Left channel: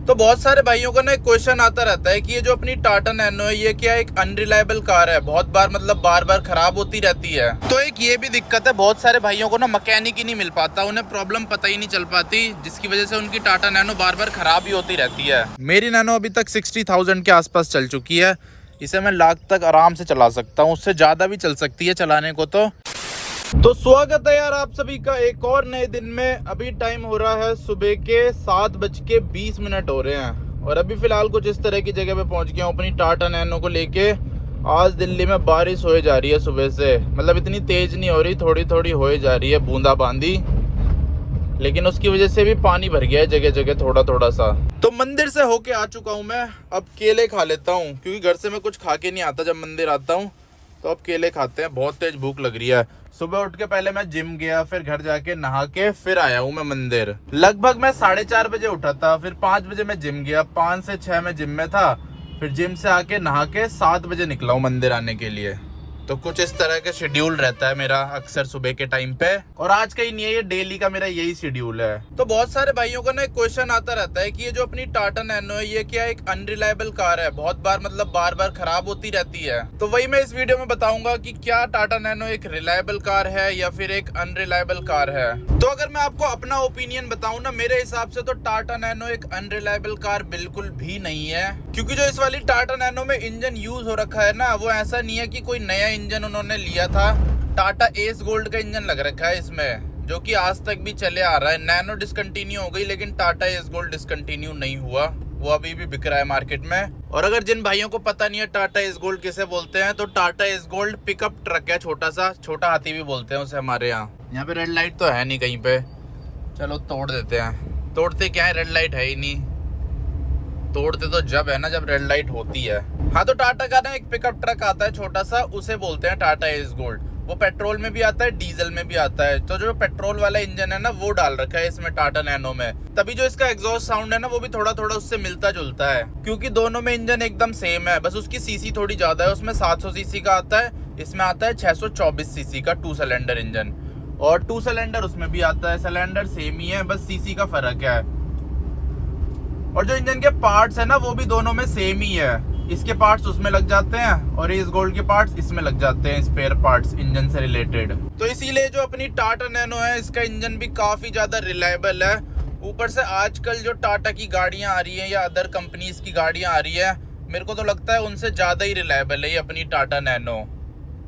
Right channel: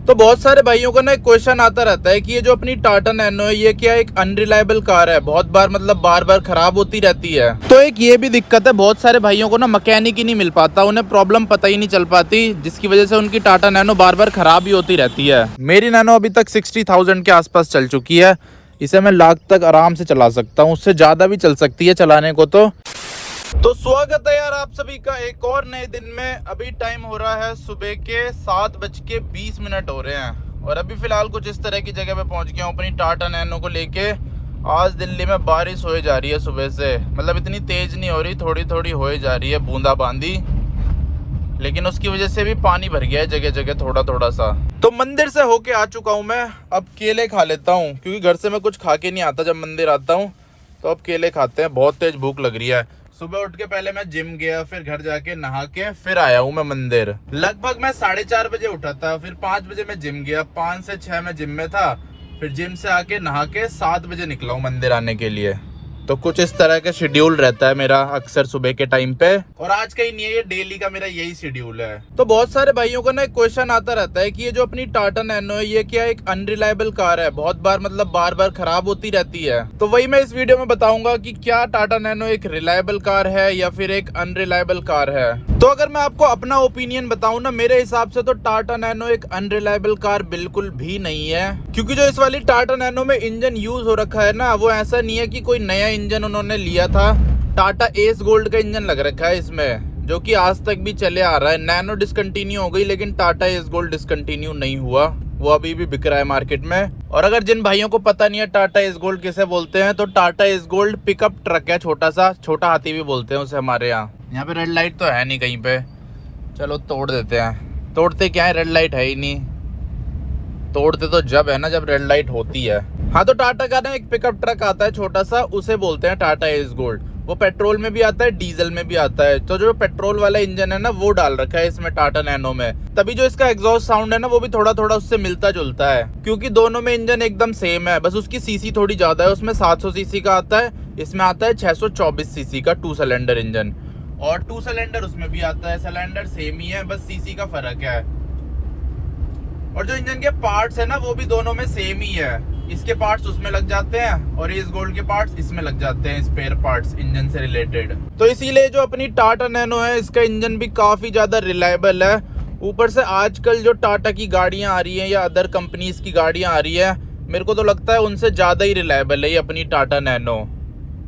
तो बहुत सारे भाइयों को ना एक क्वेश्चन आता रहता है कि ये जो अपनी टाटा नैनो है ये क्या एक अनरिलायबल कार है, बहुत बार मतलब बार बार खराब होती रहती है। तो एक ये भी दिक्कत है, बहुत सारे भाइयों को ना मैकेनिक ही नहीं मिल पाता, उन्हें प्रॉब्लम पता ही नहीं चल पाती, जिसकी वजह से उनकी टाटा नैनो बार बार खराब ही होती रहती है। मेरी नैनो अभी तक 60,000 के आसपास चल चुकी है। इसे मैं लाख तक आराम से चला सकता हूँ, उससे ज्यादा भी चल सकती है चलाने को। तो स्वागत है यार आप सभी का एक और नए दिन में। अभी टाइम हो रहा है सुबह के 7:20 हो रहे हैं और अभी फिलहाल कुछ इस तरह की जगह पे पहुंच गया हूँ अपनी टाटा नैनो को लेके। आज दिल्ली में बारिश हो जा रही है सुबह से, मतलब इतनी तेज नहीं हो रही, थोड़ी थोड़ी हो जा रही है बूंदाबांदी, लेकिन उसकी वजह से भी पानी भर गया है जगह जगह थोड़ा थोड़ा सा। तो मंदिर से होके आ चुका हूँ मैं, अब केले खा लेता हूँ क्योंकि घर से मैं कुछ खा के नहीं आता जब मंदिर आता हूँ, तो अब केले खाते हैं। बहुत तेज भूख लग रही है। सुबह उठ के पहले मैं जिम गया, फिर घर जाके नहा के फिर आया हूँ मैं मंदिर। लगभग मैं 4:30 बजे उठा था, फिर 5 बजे मैं जिम गया, 5 से 6 मैं जिम में था, फिर जिम से आके नहा के 7 बजे निकला हूँ मंदिर आने के लिए। तो कुछ इस तरह का शेड्यूल रहता है मेरा अक्सर सुबह के टाइम पे, और आज का ही नहीं है, ये डेली का मेरा यही शेड्यूल है। तो बहुत सारे भाइयों को ना एक क्वेश्चन आता रहता है कि ये जो अपनी टाटा नैनो है ये क्या एक अनरिलायबल कार है, बहुत बार मतलब बार बार खराब होती रहती है। तो वही मैं इस वीडियो में बताऊंगा कि क्या टाटा नैनो एक रिलायबल कार है या फिर एक अनरिलायबल कार है। तो अगर मैं आपको अपना ओपिनियन बताऊं ना, मेरे हिसाब से तो टाटा नैनो एक अनरिलायबल कार बिल्कुल भी नहीं है, क्योंकि जो इस वाली टाटा नैनो में इंजन यूज हो रखा है ना, वो ऐसा नहीं है कि कोई नया इंजन उन्होंने लिया था। टाटा एस गोल्ड का इंजन लग रखा है इसमें, जो कि आज तक भी चले आ रहा है। नैनो डिसकंटिन्यू हो गई लेकिन टाटा एस गोल्ड डिसकंटिन्यू नहीं हुआ, वो अभी भी बिक रहा है मार्केट में। और अगर जिन भाइयों को पता नहीं है टाटा एस गोल्ड किसे बोलते हैं, तो Tata S gold pickup truck है, छोटा सा, छोटा हाथी भी बोलते हैं उसे हमारे यहाँ। यहाँ पे रेड लाइट तो है नहीं कहीं पे, चलो तोड़ देते हैं। तोड़ते क्या है, रेड लाइट है ही नहीं। तोड़ते तो जब है ना जब रेड लाइट होती है। हाँ, तो टाटा का ना एक पिकअप ट्रक आता है छोटा सा, उसे बोलते हैं टाटा एस गोल्ड। वो पेट्रोल में भी आता है, डीजल में भी आता है। तो जो पेट्रोल वाला इंजन है ना वो डाल रखा है इसमें टाटा नैनो में, तभी जो इसका एग्जॉस्ट साउंड है ना वो भी थोड़ा थोड़ा उससे मिलता जुलता है, क्योंकि दोनों में इंजन एकदम सेम है, बस उसकी सीसी थोड़ी ज्यादा है। उसमें 700 सीसी का आता है, इसमें आता है 624 सीसी का 2 सिलेंडर इंजन, और 2 सिलेंडर उसमें भी आता है। सिलेंडर सेम ही है, बस सीसी का फर्क है। और जो इंजन के पार्ट्स है ना वो भी दोनों में सेम ही है। इसके पार्ट्स उसमें लग जाते हैं और एस गोल्ड के पार्ट्स इसमें लग जाते हैं, स्पेयर पार्ट्स इंजन से रिलेटेड। तो इसीलिए जो अपनी टाटा नैनो है इसका इंजन भी काफी ज्यादा रिलायबल है। ऊपर से आजकल जो टाटा की गाड़ियां आ रही हैं या अदर कंपनीज की गाड़ियां आ रही है, मेरे को तो लगता है उनसे ज्यादा ही रिलायबल है ये अपनी टाटा नैनो।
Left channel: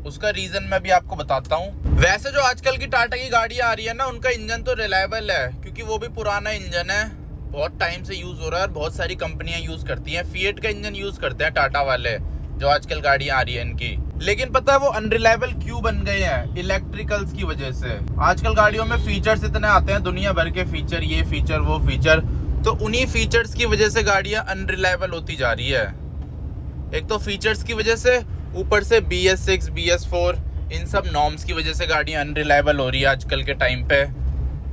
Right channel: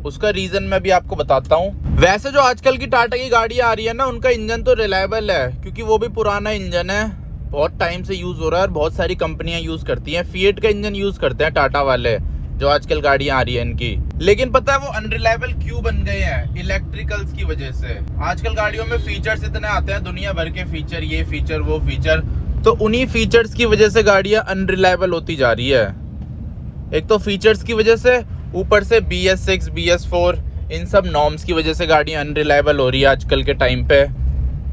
उसका रीजन मैं भी आपको बताता हूँ। वैसे जो आजकल की टाटा की गाड़ियां आ रही है ना, उनका इंजन तो रिलायबल है, क्योंकि वो भी पुराना इंजन है, बहुत टाइम से यूज हो रहा है और बहुत सारी कंपनियां यूज करती हैं। फिएट का इंजन यूज करते हैं टाटा वाले, जो आजकल गाड़ियां आ रही है इनकी। लेकिन पता है वो अनरिलायबल क्यों बन गए हैं? इलेक्ट्रिकल्स की वजह से। आजकल गाड़ियों में फीचर्स इतने आते हैं, दुनिया भर के फीचर, ये फीचर वो फीचर, तो उन्हीं फीचर्स की वजह से गाड़ियां अनरिलायबल होती जा रही है। एक तो फीचर्स की वजह से, ऊपर से BS6 BS4 इन सब नॉर्म्स की वजह से गाड़ियां अनरिलायबल हो रही है आजकल के टाइम पे।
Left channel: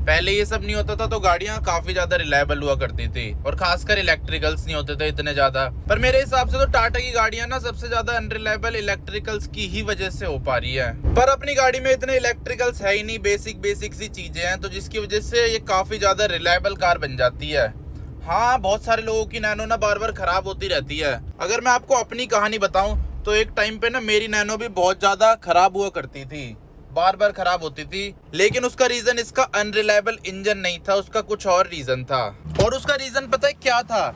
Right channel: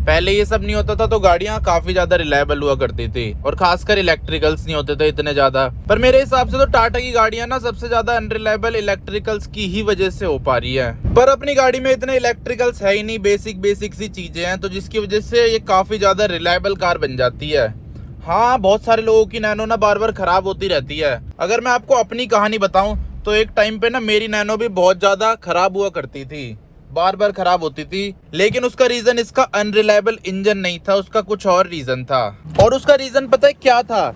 पहले ये सब नहीं होता था तो गाड़ियां काफी ज्यादा रिलायबल हुआ करती थी, और खासकर इलेक्ट्रिकल्स नहीं होते थे इतने ज्यादा। पर मेरे हिसाब से तो टाटा की गाड़ियां ना सबसे ज्यादा अनरिलायबल इलेक्ट्रिकल्स की ही वजह से हो पा रही है। पर अपनी गाड़ी में इतने इलेक्ट्रिकल्स है ही नहीं, बेसिक सी चीजें हैं, तो जिसकी वजह से ये काफी ज्यादा रिलायबल कार बन जाती है। हाँ, बहुत सारे लोगों की नैनो ना बार बार खराब होती रहती है। अगर मैं आपको अपनी कहानी बताऊं तो एक टाइम पे ना मेरी नैनो भी बहुत ज्यादा खराब हुआ करती थी, बार बार खराब होती थी, लेकिन उसका रीजन इसका अनरिलायबल इंजन नहीं था, उसका कुछ और रीजन था। और उसका रीजन पता है क्या था?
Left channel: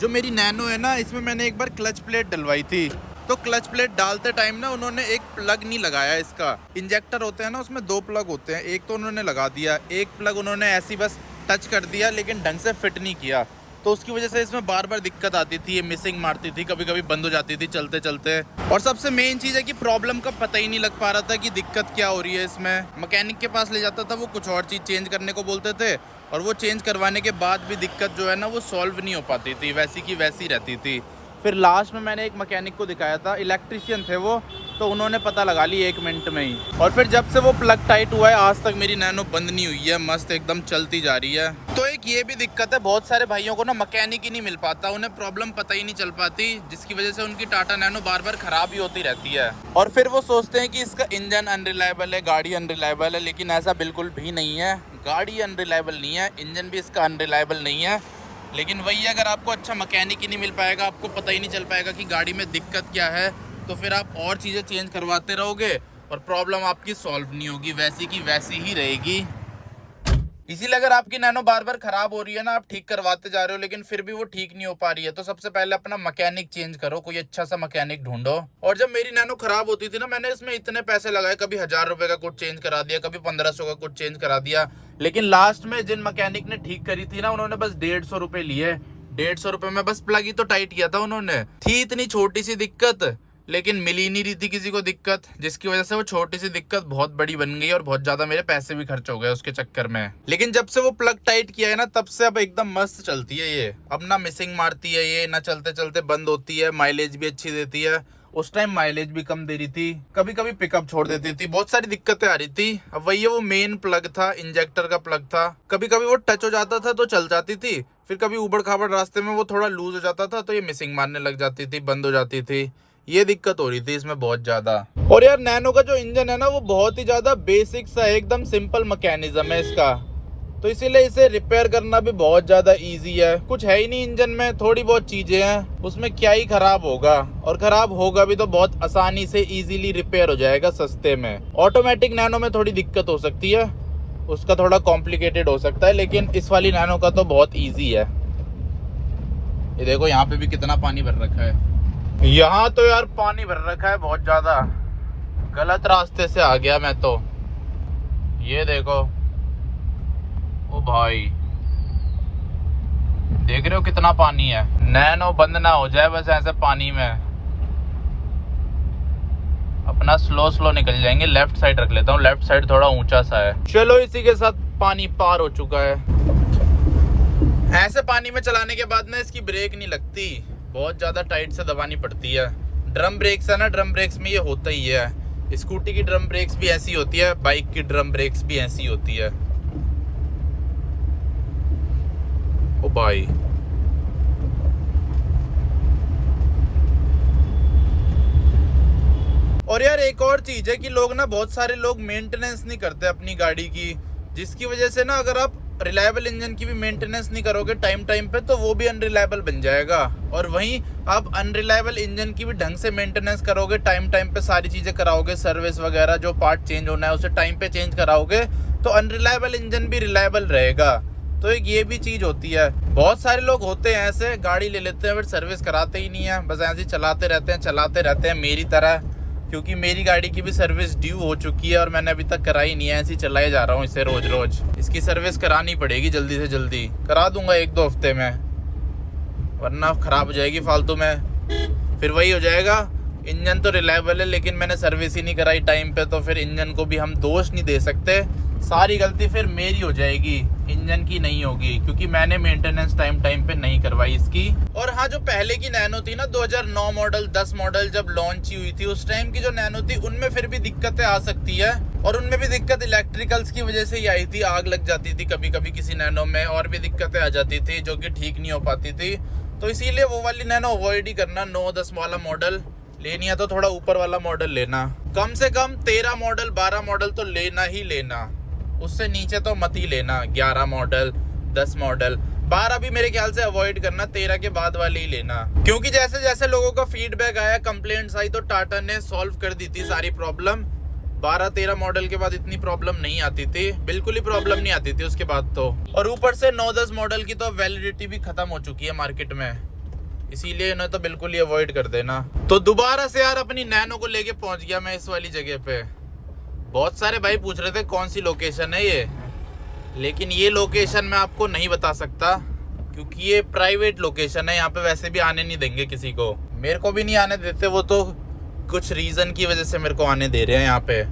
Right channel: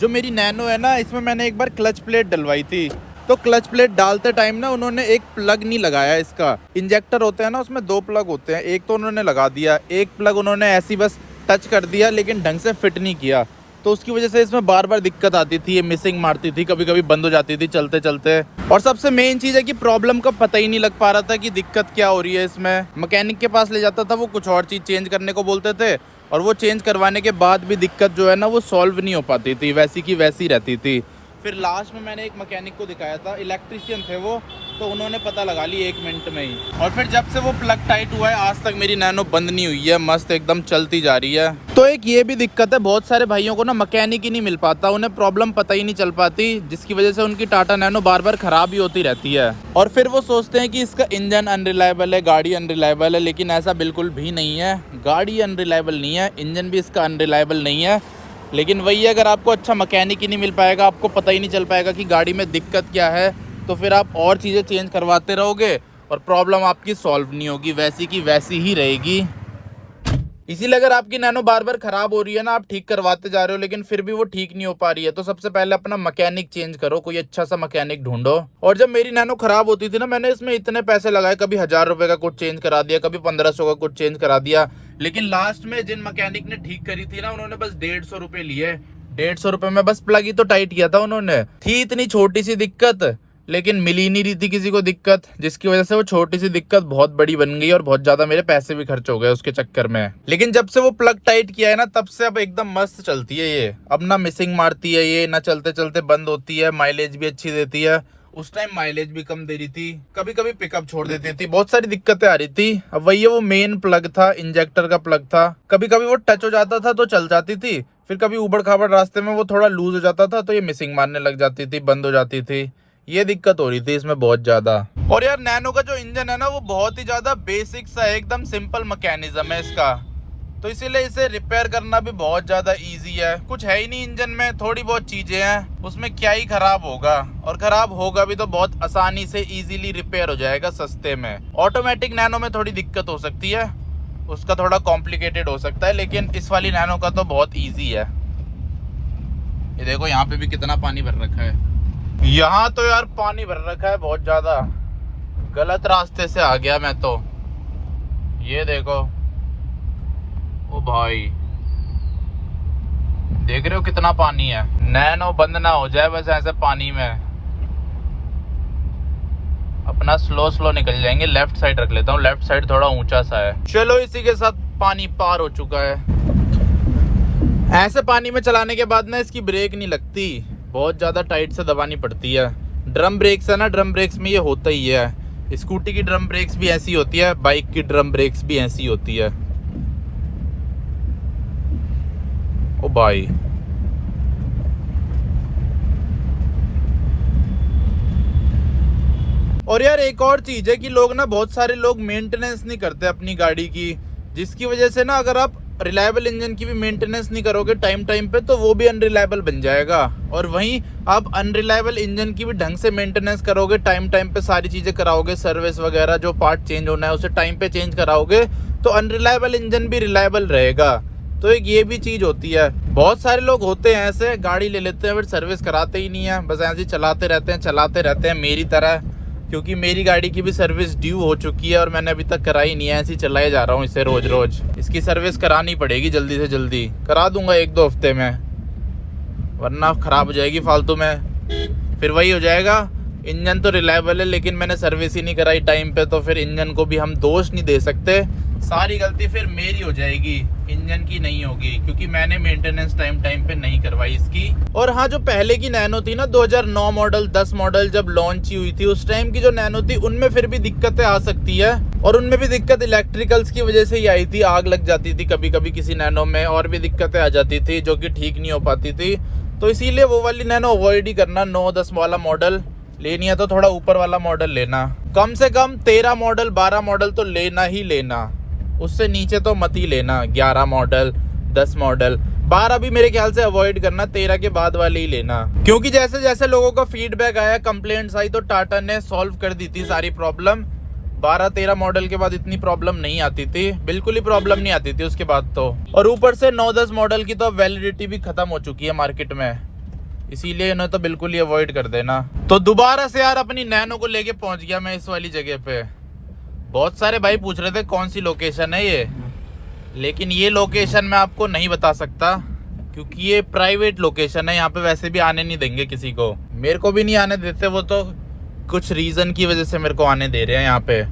जो मेरी नैनो है ना, इसमें मैंने एक बार क्लच प्लेट डलवाई थी, तो क्लच प्लेट डालते टाइम ना उन्होंने एक प्लग नहीं लगाया। इसका इंजेक्टर होते हैं ना, उसमें 2 प्लग होते हैं, एक तो उन्होंने लगा दिया, एक प्लग उन्होंने ऐसी बस टच कर दिया लेकिन ढंग से फिट नहीं किया, तो उसकी वजह से इसमें बार बार दिक्कत आती थी, ये मिसिंग मारती थी, कभी कभी बंद हो जाती थी चलते चलते। और सबसे मेन चीज है कि प्रॉब्लम का पता ही नहीं लग पा रहा था कि दिक्कत क्या हो रही है इसमें। मैकेनिक के पास ले जाता था, वो कुछ और चीज चेंज करने को बोलते थे, और वो चेंज करवाने के बाद भी दिक्कत जो है ना वो सॉल्व नहीं हो पाती थी, वैसी की वैसी रहती थी। फिर लास्ट में मैंने एक मैकेनिक को दिखाया था, इलेक्ट्रिशियन थे वो, तो उन्होंने पता लगा ली 1 मिनट में ही। और फिर जब से वो प्लग टाइट हुआ है आज तक मेरी नैनो बंद नहीं हुई है, मस्त एकदम चलती जा रही है। तो एक ये भी दिक्कत है, बहुत सारे भाइयों को ना मैकेनिक ही नहीं मिल पाता, उन्हें प्रॉब्लम पता ही नहीं चल पाती, जिसकी वजह से उनकी टाटा नैनो बार बार खराब ही होती रहती है। और फिर वो सोचते हैं कि इसका इंजन अनरिलायबल है, गाड़ी अनरिलायबल है, लेकिन ऐसा बिल्कुल भी नहीं है। गाड़ी अनरिलायबल नहीं है, इंजन भी इसका अनरिलायबल नहीं है, लेकिन वही अगर आपको अच्छा मैकेनिक ही नहीं मिल पाएगा, आपको पता ही नहीं चल पाएगा कि गाड़ी में दिक्कत क्या है, तो फिर आप और चीज़ें चेंज करवाते रहोगे और प्रॉब्लम आपकी सॉल्व नहीं होगी, वैसी की वैसी ही रहेगी। इसीलिए अगर आपकी नैनो बार बार खराब हो रही है ना, आप ठीक करवाते जा रहे हो लेकिन फिर भी वो ठीक नहीं हो पा रही है, तो सबसे पहले अपना मैकेनिक चेंज करो, कोई अच्छा सा मैकेनिक ढूंढो। और जब मेरी नैनो खराब होती थी ना, मैंने इसमें इतने पैसे लगाए, कभी 1000 रुपए का कुछ चेंज करा दिया, कभी 1500 का कुछ चेंज करा दिया, लेकिन लास्ट में जिन मैकेनिक ने ठीक करी थी ना, उन्होंने बस 150 रुपए लिए। 150 रुपए में बस प्लग ही तो टाइट किया था उन्होंने। थी इतनी छोटी सी दिक्कत, लेकिन मिल ही नहीं रही थी किसी को दिक्कत, जिसकी वजह से वो छोटी सी दिक्कत बहुत बड़ी बन गई और बहुत ज्यादा मेरे पैसे भी खर्च हो गए उसके चक्कर में। लेकिन जब से वो प्लग टाइट किया है ना, तब से अब एकदम मस्त चलती है ये। अब ना मिसिंग मारती है ये, ना चलते चलते बंद होती है, माइलेज भी अच्छी देती है। उस टाइम माइलेज भी कम दे रही थी, कभी कभी पिकअप छोड़ देती थी, बहुत सारी दिक्कतें आ रही थी। अब वही है, वो मेन प्लग था, इंजेक्टर का प्लग था, कभी कभी वो टच हो जाता था तो चल जाती थी, फिर कभी उबड़ खाबड़ रास्ते में वो थोड़ा लूज हो जाता था तो ये मिसिंग मारने लग जाती थी, बंद हो जाती थी। ये दिक्कत हो रही थी इसमें बहुत ज्यादा। और यार नैनो का जो इंजन है ना, वो बहुत ही ज्यादा बेसिक सा है, एकदम सिंपल मैकेनिज्म है इसका, तो इसीलिए इसे रिपेयर करना भी बहुत ज्यादा इजी है। कुछ है ही नहीं इंजन में, थोड़ी बहुत चीजें हैं, उसमें क्या ही खराब होगा, और खराब होगा भी तो बहुत आसानी से इजीली रिपेयर हो जाएगा सस्ते में। ऑटोमेटिक नैनो में थोड़ी दिक्कत हो सकती है, उसका थोड़ा कॉम्प्लिकेटेड हो सकता है, लेकिन इस वाली नैनो का तो बहुत ईजी है। ये देखो यहाँ पे भी कितना पानी भर रखा है, यहाँ तो यार पानी भर रखा है बहुत ज्यादा। गलत रास्ते से आ गया मैं तो। ये देखो, ओ भाई देख रहे हो कितना पानी है। नैनो बंद ना हो जाए बस ऐसे पानी में, अपना स्लो स्लो निकल जाएंगे। लेफ्ट साइड रख लेता हूँ, लेफ्ट साइड थोड़ा ऊंचा सा है। चलो इसी के साथ पानी पार हो चुका है। ऐसे पानी में चलाने के बाद ना इसकी ब्रेक नहीं लगती, बहुत ज्यादा टाइट से दबानी पड़ती है। ड्रम ब्रेक्स है ना, ड्रम ब्रेक्स में ये होता ही है। स्कूटी की ड्रम ब्रेक्स भी ऐसी होती है, बाइक की ड्रम ब्रेक्स भी ऐसी होती है। ओ भाई और यार एक और चीज है कि लोग ना, बहुत सारे लोग मेंटेनेंस नहीं करते अपनी गाड़ी की, जिसकी वजह से ना अगर आप रिलायबल इंजन की भी मेंटेनेंस नहीं करोगे टाइम टाइम पे, तो वो भी अनरिलायबल बन जाएगा। और वहीं आप अनरिलायबल इंजन की भी ढंग से मेंटेनेंस करोगे, टाइम टाइम पे सारी चीजें कराओगे, सर्विस वगैरह जो पार्ट चेंज होना है उसे टाइम पे चेंज कराओगे, तो अनरिलायबल इंजन भी रिलायबल रहेगा। तो एक ये भी चीज होती है। बहुत सारे लोग होते हैं ऐसे, गाड़ी ले लेते हैं फिर सर्विस कराते ही नहीं है, बस ऐसे ही चलाते रहते हैं मेरी तरह। क्योंकि मेरी गाड़ी की भी सर्विस ड्यू हो चुकी है और मैंने अभी तक कराई नहीं है, ऐसे ही चलाए जा रहा हूँ इसे रोज रोज। इसकी सर्विस करानी पड़ेगी, जल्दी से जल्दी करा दूंगा 1-2 हफ्ते में, वरना खराब हो जाएगी फालतू में। फिर वही हो जाएगा, इंजन तो रिलायबल है लेकिन मैंने सर्विस ही नहीं कराई टाइम पे, तो फिर इंजन को भी हम दोष नहीं दे सकते, सारी गलती फिर मेरी हो जाएगी, इंजन की नहीं होगी, क्योंकि मैंने मेंटेनेंस टाइम पे नहीं करवाई इसकी। और हाँ, जो पहले की नैनो थी ना, 2009 मॉडल 10 मॉडल जब लॉन्च हुई थी, उस टाइम की जो नैनो थी उनमें फिर भी दिक्कतें आ सकती है, और उनमें भी दिक्कत इलेक्ट्रिकल्स की वजह से ही आई थी। आग लग जाती थी कभी कभी किसी नैनो में, और भी दिक्कतें आ जाती थी जो कि ठीक नहीं हो पाती थी। तो इसीलिए वो वाली नैनो अवॉइड ही करना। 9-10 वाला मॉडल लेनी है तो थोड़ा ऊपर वाला मॉडल लेना, कम से कम 13 मॉडल 12 मॉडल तो लेना ही लेना, उससे नीचे तो मत ही लेना। 11 मॉडल 10 मॉडल 12 भी मेरे ख्याल से अवॉइड करना, 13 के बाद वाले ही लेना। क्योंकि जैसे जैसे लोगों का फीडबैक आया, कंप्लेंट्स आई, तो टाटा ने सॉल्व कर दी थी सारी प्रॉब्लम। 12-13 मॉडल के बाद इतनी प्रॉब्लम नहीं आती थी, बिल्कुल ही प्रॉब्लम नहीं आती थी उसके बाद तो। और ऊपर से 9-10 मॉडल की तो वैलिडिटी भी खत्म हो चुकी है मार्केट में, इसीलिए इन्हें तो बिल्कुल ही अवॉइड कर देना। तो दोबारा से यार अपनी नैनो को लेके पहुंच गया मैं इस वाली जगह पे। बहुत सारे भाई पूछ रहे थे कौन सी लोकेशन है ये, लेकिन ये लोकेशन मैं आपको नहीं बता सकता क्योंकि ये प्राइवेट लोकेशन है, यहाँ पे वैसे भी आने नहीं देंगे किसी को, मेरे को भी नहीं आने देते, वो तो कुछ रीज़न की वजह से मेरे को आने दे रहे हैं यहाँ पे,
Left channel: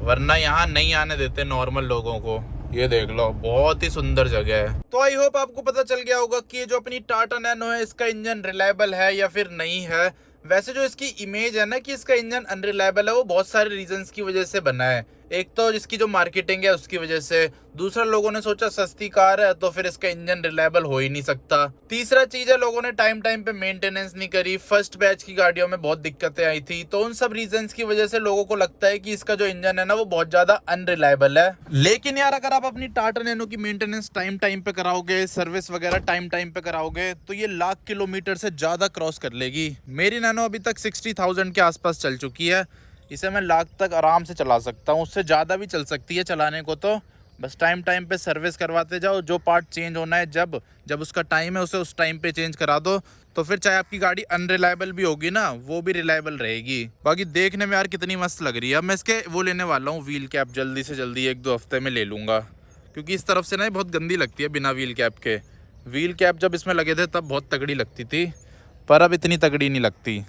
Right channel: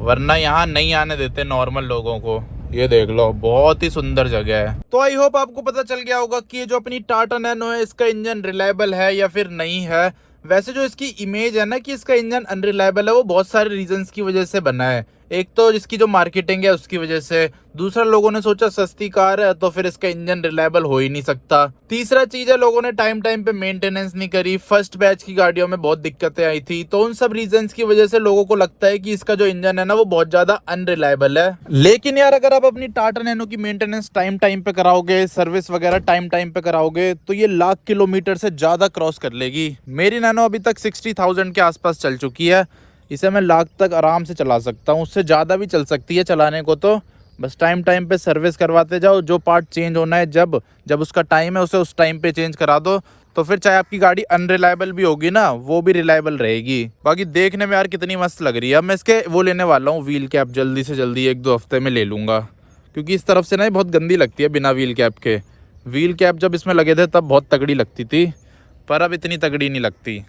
वरना यहाँ नहीं आने देते नॉर्मल लोगों को। ये देख लो, बहुत ही सुंदर जगह है। तो आई होप आपको पता चल गया होगा कि ये जो अपनी टाटा नैनो है, इसका इंजन रिलायबल है या फिर नहीं है। वैसे जो इसकी इमेज है ना कि इसका इंजन अनरिलायबल है, वो बहुत सारे रीजंस की वजह से बना है। एक तो इसकी जो मार्केटिंग है उसकी वजह से, दूसरा लोगों ने सोचा सस्ती कार है तो फिर इसका इंजन रिलायबल हो ही नहीं सकता। तीसरा चीज है लोगों ने टाइम टाइम पे मेंटेनेंस नहीं करी। फर्स्ट बैच की गाड़ियों में बहुत दिक्कतें आई थी, तो उन सब रीजंस की वजह से लोगों को लगता है कि इसका जो इंजन है ना वो बहुत ज्यादा अनरिलायबल है। लेकिन यार अगर आप अपनी टाटा नैनो की मेंटेनेंस टाइम टाइम पे कराओगे, सर्विस वगैरह टाइम टाइम पे कराओगे, तो ये लाख किलोमीटर से ज्यादा क्रॉस कर लेगी। मेरी नैनो अभी तक 60,000 के आसपास चल चुकी है। इसे मैं लाख तक आराम से चला सकता हूँ, उससे ज़्यादा भी चल सकती है चलाने को। तो बस टाइम टाइम पे सर्विस करवाते जाओ, जो पार्ट चेंज होना है जब जब उसका टाइम है उसे उस टाइम पे चेंज करा दो, तो फिर चाहे आपकी गाड़ी अनरिलायबल भी होगी ना, वो भी रिलायबल रहेगी। बाकी देखने में यार कितनी मस्त लग रही है। अब मैं इसके वो लेने वाला हूँ व्हील कैप, जल्दी से जल्दी 1-2 हफ्ते में ले लूँगा, क्योंकि इस तरफ से ना ये बहुत गंदी लगती है बिना व्हील कैप के। व्हील कैप जब इसमें लगे थे तब बहुत तगड़ी लगती थी, पर अब इतनी तगड़ी नहीं लगती।